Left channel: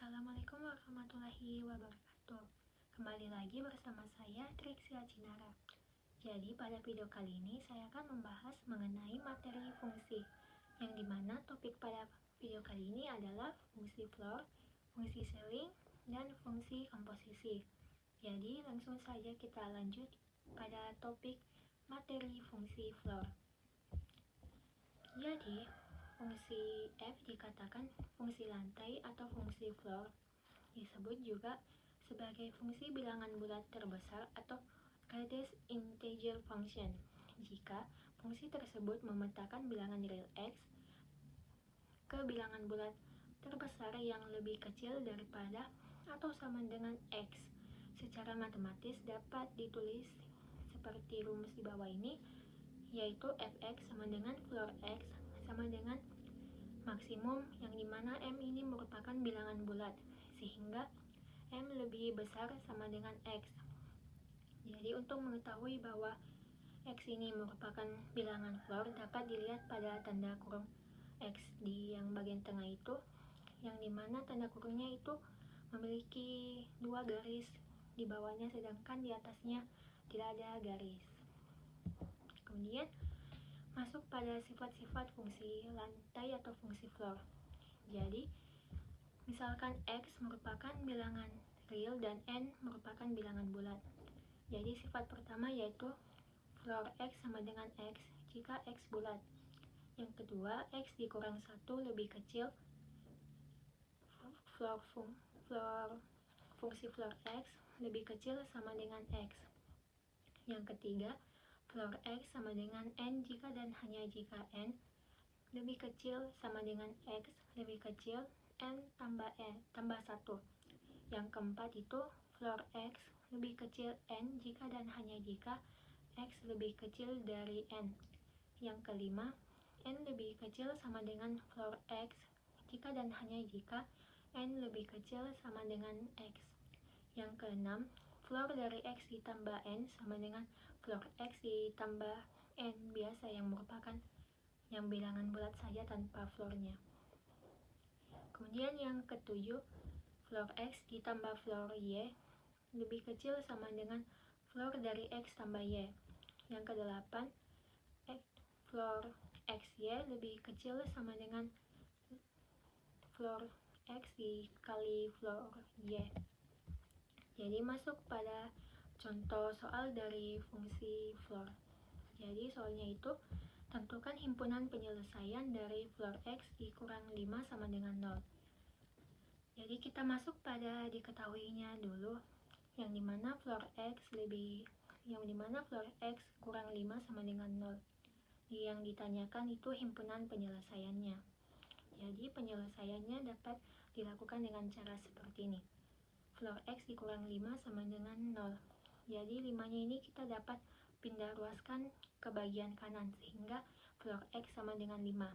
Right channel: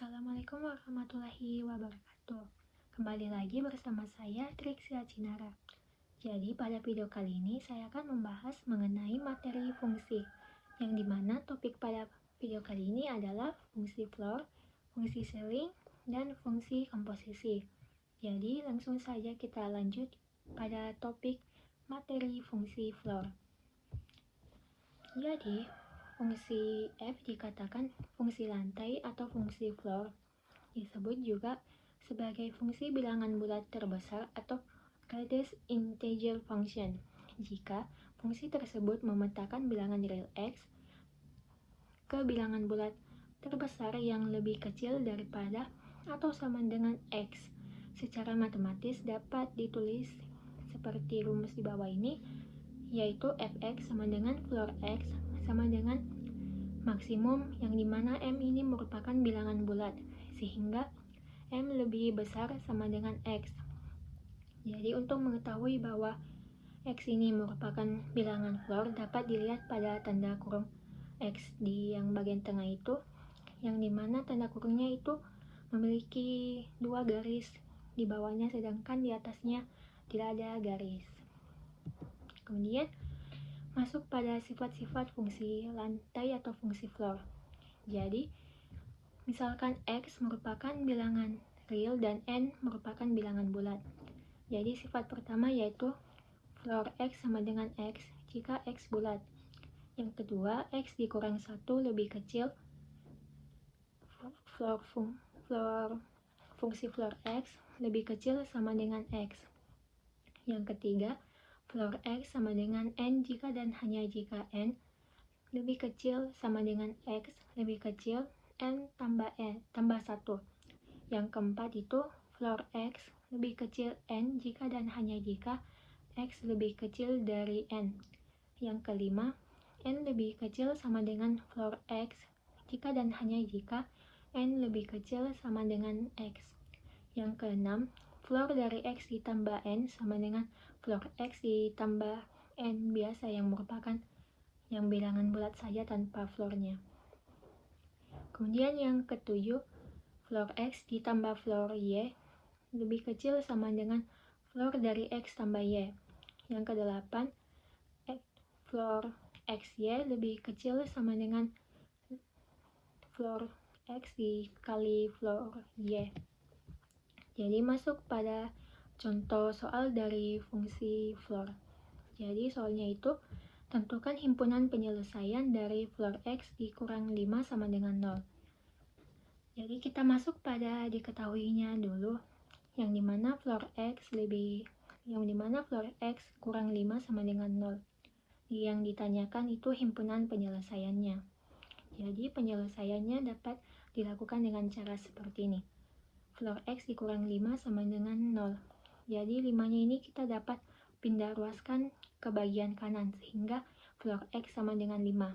Assalamualaikum warahmatullahi wabarakatuh. Kembali lagi bersama saya Trixia Cinara. Jadi pada video kali ini saya akan membahas mengenai materi fungsi, yang dimana topik pada video kali ini adalah fungsi floor, fungsi ceiling, dan fungsi komposisi. Jadi langsung saja kita lanjut pada topik materi fungsi floor. Jadi fungsi F dikatakan fungsi lantai atau fungsi floor. Disebut juga sebagai fungsi bilangan bulat terbesar atau greatest integer function jika fungsi tersebut memetakan bilangan real x ke bilangan bulat terbesar yang lebih kecil daripada atau sama dengan x. Secara matematis dapat ditulis seperti rumus di bawah ini, yaitu fx sama dengan floor x sama dengan maksimum, yang dimana m ini merupakan bilangan bulat sehingga m lebih besar sama dengan x. Jadi untuk mengetahui bahwa x ini merupakan bilangan floor dapat dilihat pada tanda kurung x di yang bagian tengah itu, yang dimana tanda kurungnya itu memiliki dua garis di bawahnya sedangkan di atasnya tidak ada garis. Kemudian masuk pada sifat-sifat fungsi lantai atau fungsi floor. Jadi misalkan x merupakan bilangan real dan n merupakan bilangan bulat. Jadi sifat pertama yaitu floor x sama dengan x jika x bulat. Yang kedua, x dikurang 1 lebih kecil fungsi floor x lebih kecil sama dengan x. Yang ketiga, floor x sama dengan n jika dan hanya jika n lebih kecil sama dengan x lebih kecil n tambah 1. Yang keempat itu floor x lebih kecil n jika dan hanya jika x lebih kecil dari n. Yang kelima, n lebih kecil sama dengan floor x jika dan hanya jika n lebih kecil sama dengan x. Yang keenam, floor dari x ditambah n sama dengan floor x ditambah n biasa yang merupakan yang bilangan bulat saja tanpa floornya. Kemudian yang ketujuh, floor x ditambah floor y lebih kecil sama dengan floor dari x tambah y. Yang kedelapan, floor xy lebih kecil sama dengan floor x dikali floor y. Jadi masuk pada contoh soal dari fungsi floor. Jadi soalnya itu tentukan himpunan penyelesaian dari floor x dikurang 5 sama dengan 0. Jadi kita masuk pada diketahuinya dulu, yang dimana floor x kurang 5 sama dengan 0. Yang ditanyakan itu himpunan penyelesaiannya. Jadi penyelesaiannya dapat dilakukan dengan cara seperti ini. Floor x dikurang 5 sama dengan 0. Jadi 5-nya ini kita dapat pindah ruaskan ke bagian kanan sehingga floor x sama dengan 5.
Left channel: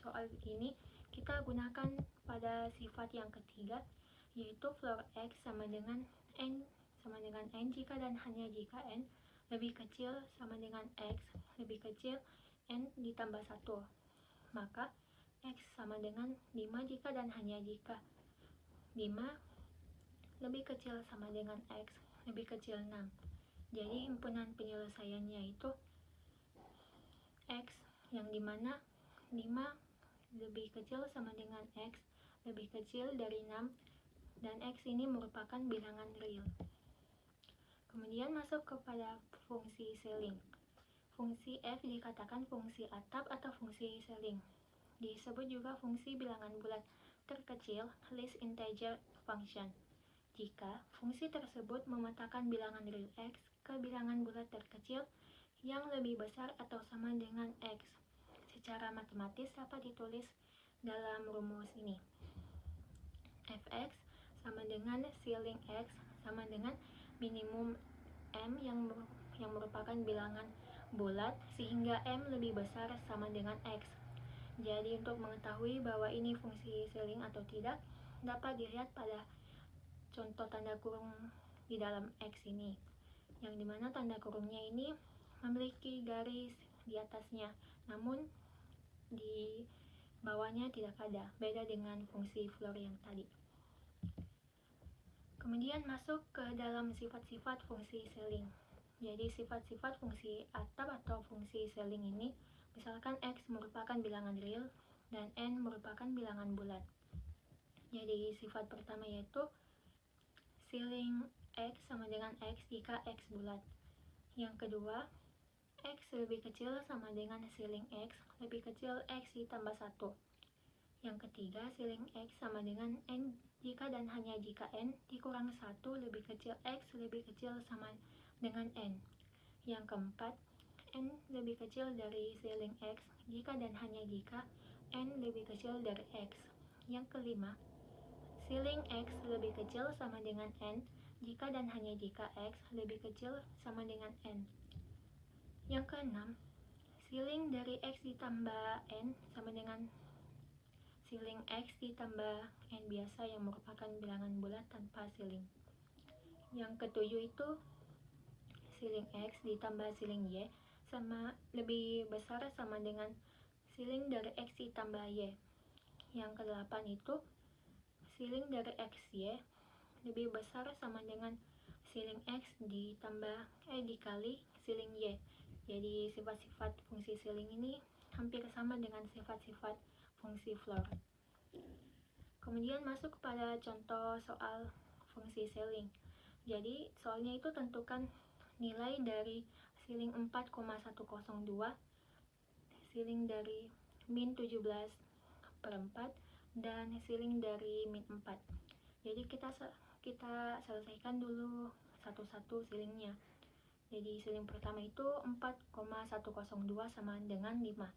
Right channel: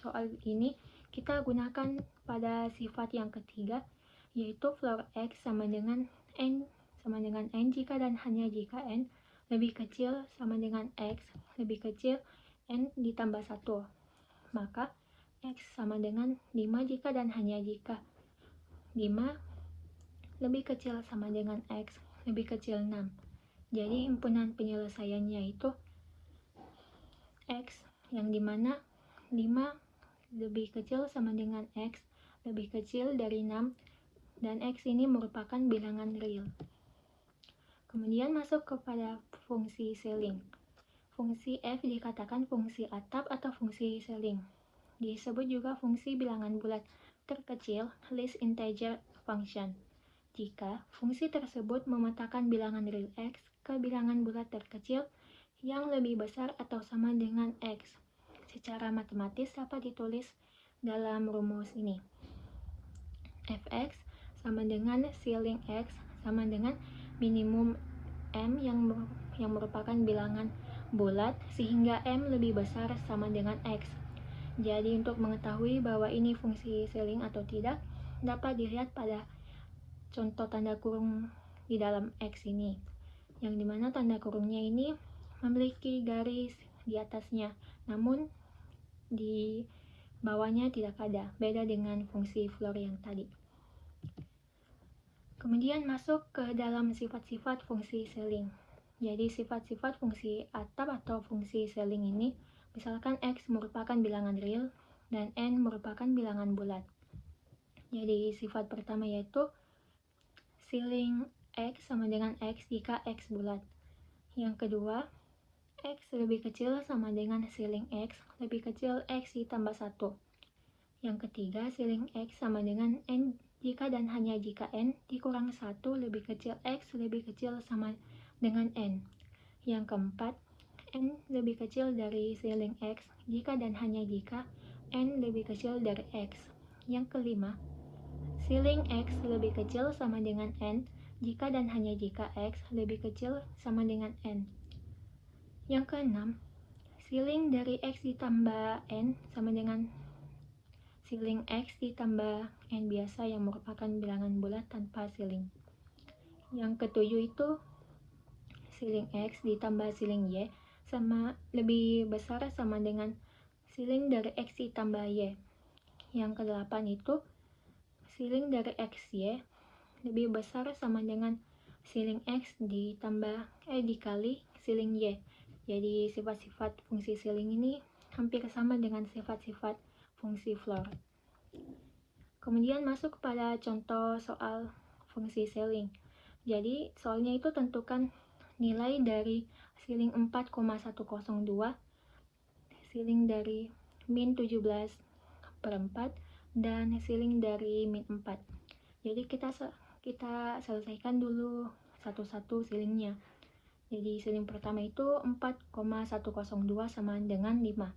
Soal ini kita gunakan pada sifat yang ketiga, yaitu floor x sama dengan n jika dan hanya jika n lebih kecil sama dengan x lebih kecil n ditambah 1. Maka x sama dengan 5 jika dan hanya jika 5 lebih kecil sama dengan x lebih kecil 6. Jadi himpunan penyelesaiannya itu x, yang dimana 5 lebih kecil sama dengan x lebih kecil dari 6 dan x ini merupakan bilangan real. Kemudian masuk kepada fungsi ceiling. Fungsi f dikatakan fungsi atap atau fungsi ceiling. Disebut juga fungsi bilangan bulat terkecil, least integer function, jika fungsi tersebut memetakan bilangan real x ke bilangan bulat terkecil yang lebih besar atau sama dengan x. Secara matematis dapat ditulis dalam rumus ini. Fx sama dengan ceiling x sama dengan minimum m yang merupakan bilangan bulat sehingga m lebih besar sama dengan x. Jadi untuk mengetahui bahwa ini fungsi ceiling atau tidak dapat dilihat pada contoh tanda kurung di dalam x ini, yang dimana tanda kurungnya ini memiliki garis di atasnya, namun di bawahnya tidak ada, beda dengan fungsi floor yang tadi. Kemudian masuk ke dalam sifat-sifat fungsi ceiling. Jadi sifat-sifat fungsi atap atau fungsi ceiling ini, misalkan X merupakan bilangan real dan N merupakan bilangan bulat. Jadi sifat pertama yaitu ceiling X sama dengan X jika X bulat. Yang kedua, X lebih kecil sama dengan ceiling X lebih kecil X ditambah 1. Yang ketiga, ceiling X sama dengan N jika dan hanya jika N dikurang 1 lebih kecil X lebih kecil sama dengan N. Yang keempat, N lebih kecil dari ceiling X jika dan hanya jika N lebih kecil dari X. Yang kelima, ceiling X lebih kecil sama dengan N jika dan hanya jika X lebih kecil sama dengan N. Yang keenam, ceiling dari X ditambah N sama dengan ceiling X ditambah N biasa yang merupakan bilangan bulat tanpa ceiling. Yang ketujuh itu ceiling X ditambah ceiling Y sama lebih besar sama dengan ceiling dari X ditambah Y. Yang kedelapan itu ceiling dari XY lebih besar sama dengan ceiling X dikali ceiling Y. Jadi sifat-sifat fungsi ceiling ini hampir sama dengan sifat-sifat fungsi floor. Kemudian masuk pada contoh soal fungsi ceiling. Jadi soalnya itu tentukan nilai dari ceiling 4,102, ceiling dari min 17/4, dan ceiling dari min 4. Jadi kita selesaikan dulu satu-satu ceilingnya. Jadi ceiling pertama itu 4,102 sama dengan 5.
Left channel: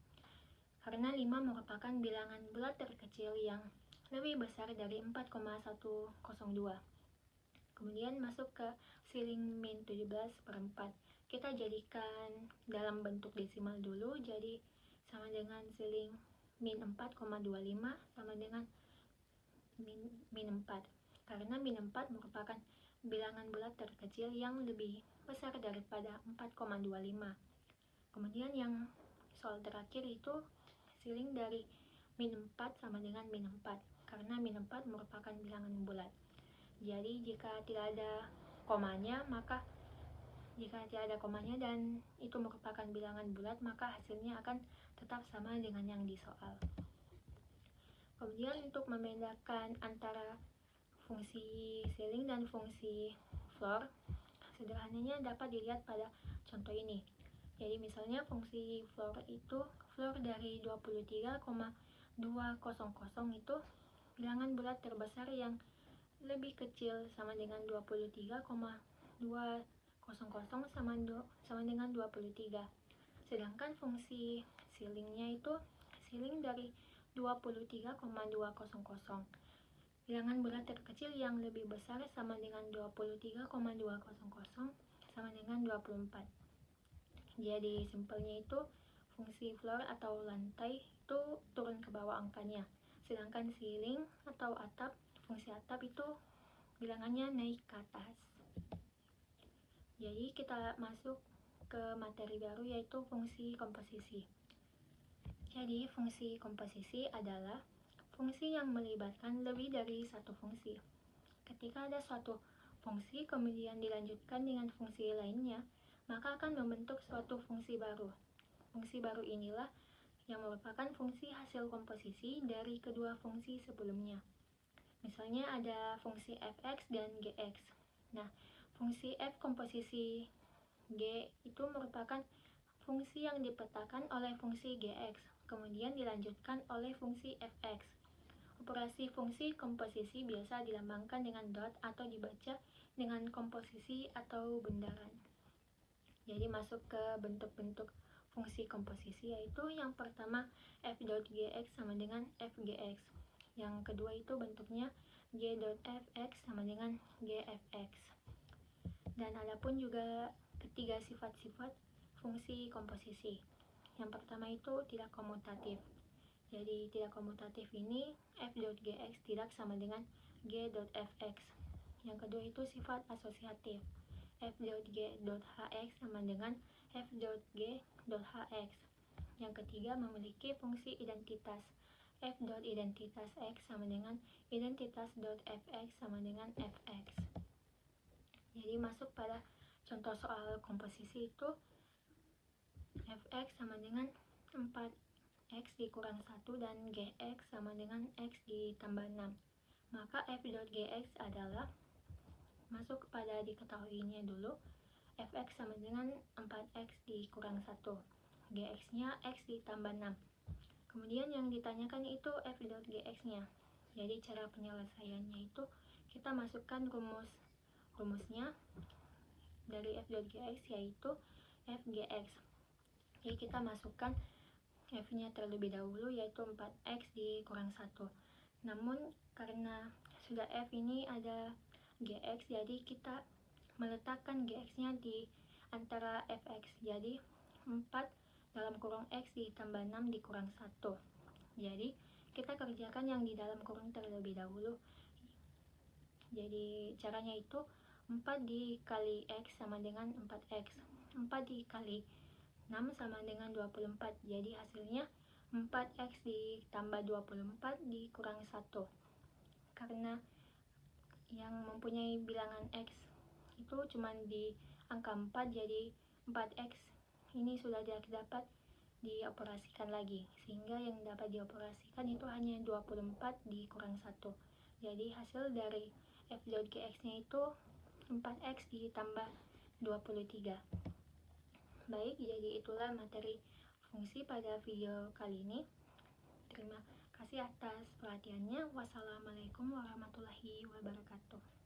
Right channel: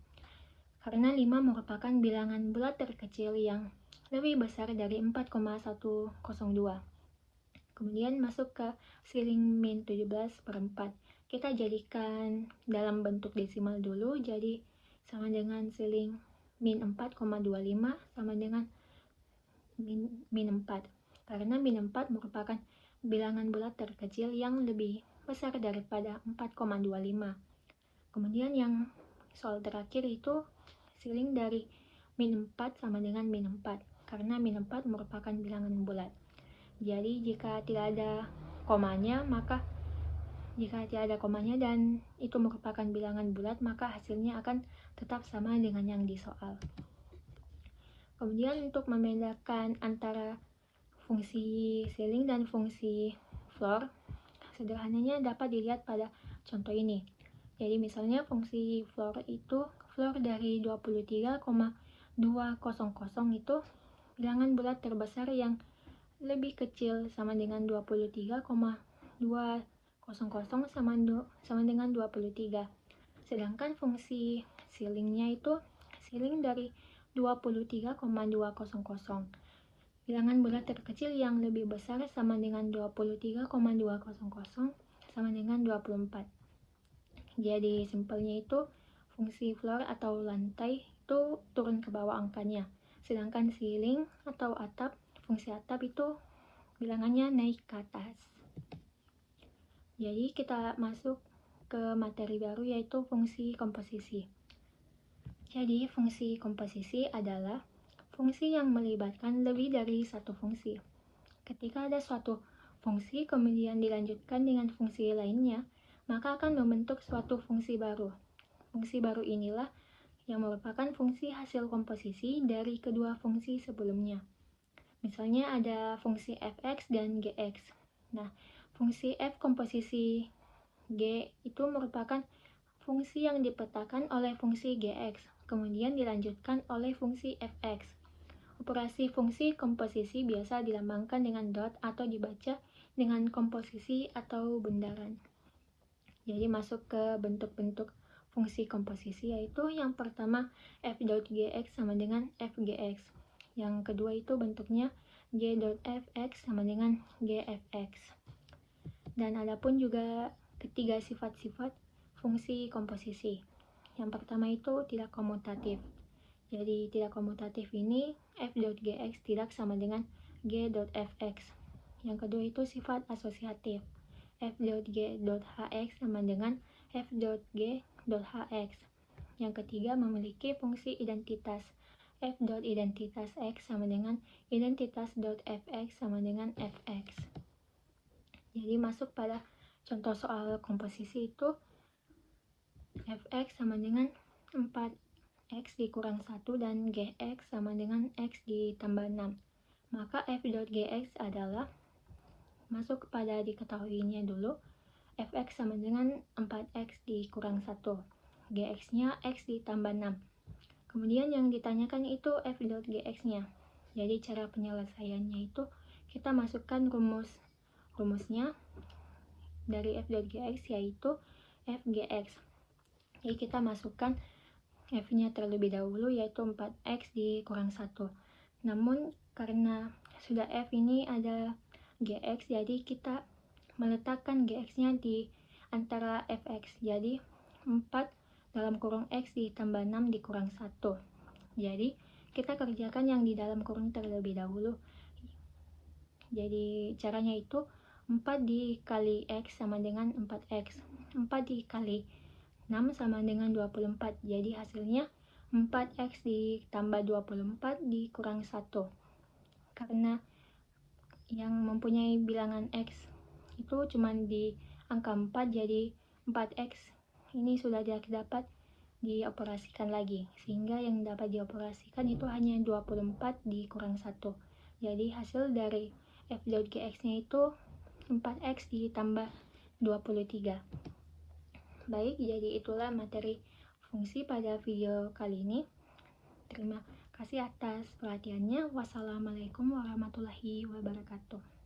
Karena 5 merupakan bilangan bulat terkecil yang lebih besar dari 4,102. Kemudian masuk ke ceiling min 17/4. Kita jadikan dalam bentuk desimal dulu, jadi sama dengan ceiling min 4,25 sama dengan min 4. Karena min 4 merupakan bilangan bulat terkecil yang lebih besar daripada 4,25. Kemudian yang soal terakhir itu ceiling dari min 4 sama dengan min 4, karena min 4 merupakan bilangan bulat. Jadi jika tidak ada komanya dan itu merupakan bilangan bulat, maka hasilnya akan tetap sama dengan yang di soal. Kemudian untuk membedakan antara fungsi ceiling dan fungsi floor, sederhananya dapat dilihat pada contoh ini. Jadi misalnya fungsi floor itu floor dari 23,200 itu bilangan bulat terbesar yang lebih kecil sama dengan 23,200 sama dengan 23. Sedangkan fungsi ceilingnya itu ceiling dari 23,200. Bilangan bulat terkecil yang lebih besar sama dengan 23,200 sama dengan 24. Jadi simpelnya itu fungsi floor atau lantai itu turun ke bawah angkanya. Sedangkan ceiling atau atap, fungsi atap itu bilangannya naik ke atas. Jadi kita masuk ke materi baru yaitu fungsi komposisi. Jadi fungsi komposisi adalah fungsi yang melibatkan lebih dari satu fungsi. Ketika ada suatu fungsi kemudian dilanjutkan dengan fungsi lainnya, maka akan membentuk suatu fungsi baru. Fungsi baru inilah yang merupakan fungsi hasil komposisi dari kedua fungsi sebelumnya. Misalnya ada fungsi fx dan gx. Nah, fungsi f komposisi g itu merupakan fungsi yang dipetakan oleh fungsi gx, kemudian dilanjutkan oleh fungsi fx. Operasi fungsi komposisi biasa dilambangkan dengan dot atau dibaca dengan komposisi atau bundaran. Jadi masuk ke bentuk-bentuk fungsi komposisi, yaitu yang pertama f.gx sama dengan fgx. Yang kedua itu bentuknya g.fx sama dengan gfx. Dan adapun juga ketiga sifat-sifat fungsi komposisi. Yang pertama itu tidak komutatif. Jadi tidak komutatif ini f.gx tidak sama dengan g.fx. Yang kedua itu sifat asosiatif. f.g.hx sama dengan f.g.hx. Yang ketiga memiliki fungsi identitas. f.identitas x sama dengan identitas.fx sama dengan fx. Jadi masuk pada contoh soal komposisi itu fx sama dengan 4x dikurang 1 dan gx sama dengan x ditambah 6. Maka f.gx adalah, masuk pada diketahuinya dulu, fx sama dengan 4x dikurang 1, gx nya x ditambah 6. Kemudian yang ditanyakan itu f.gx nya. Jadi cara penyelesaiannya itu kita masukkan rumusnya dari f.gx yaitu fgx. Jadi kita masukkan f nya terlebih dahulu yaitu 4x dikurang 1. Namun karena sudah f ini ada gx, jadi kita meletakkan gx nya di antara fx. Jadi 4 dalam kurung x ditambah 6 dikurang 1. Jadi kita kerjakan yang di dalam kurung terlebih dahulu. Jadi caranya itu 4 dikali x sama dengan 4x. 4 dikali 6 sama dengan 24. Jadi hasilnya 4x ditambah 24 dikurang 1. Karena yang mempunyai bilangan x itu cuma di angka 4, jadi 4x ini sudah dapat dioperasikan lagi, sehingga yang dapat dioperasikan itu hanya 24 dikurang 1. Jadi hasil dari f.gx nya itu 4x ditambah 23. Baik, jadi itulah materi fungsi pada video kali ini. Terima kasih atas perhatiannya. Wassalamualaikum warahmatullahi wabarakatuh.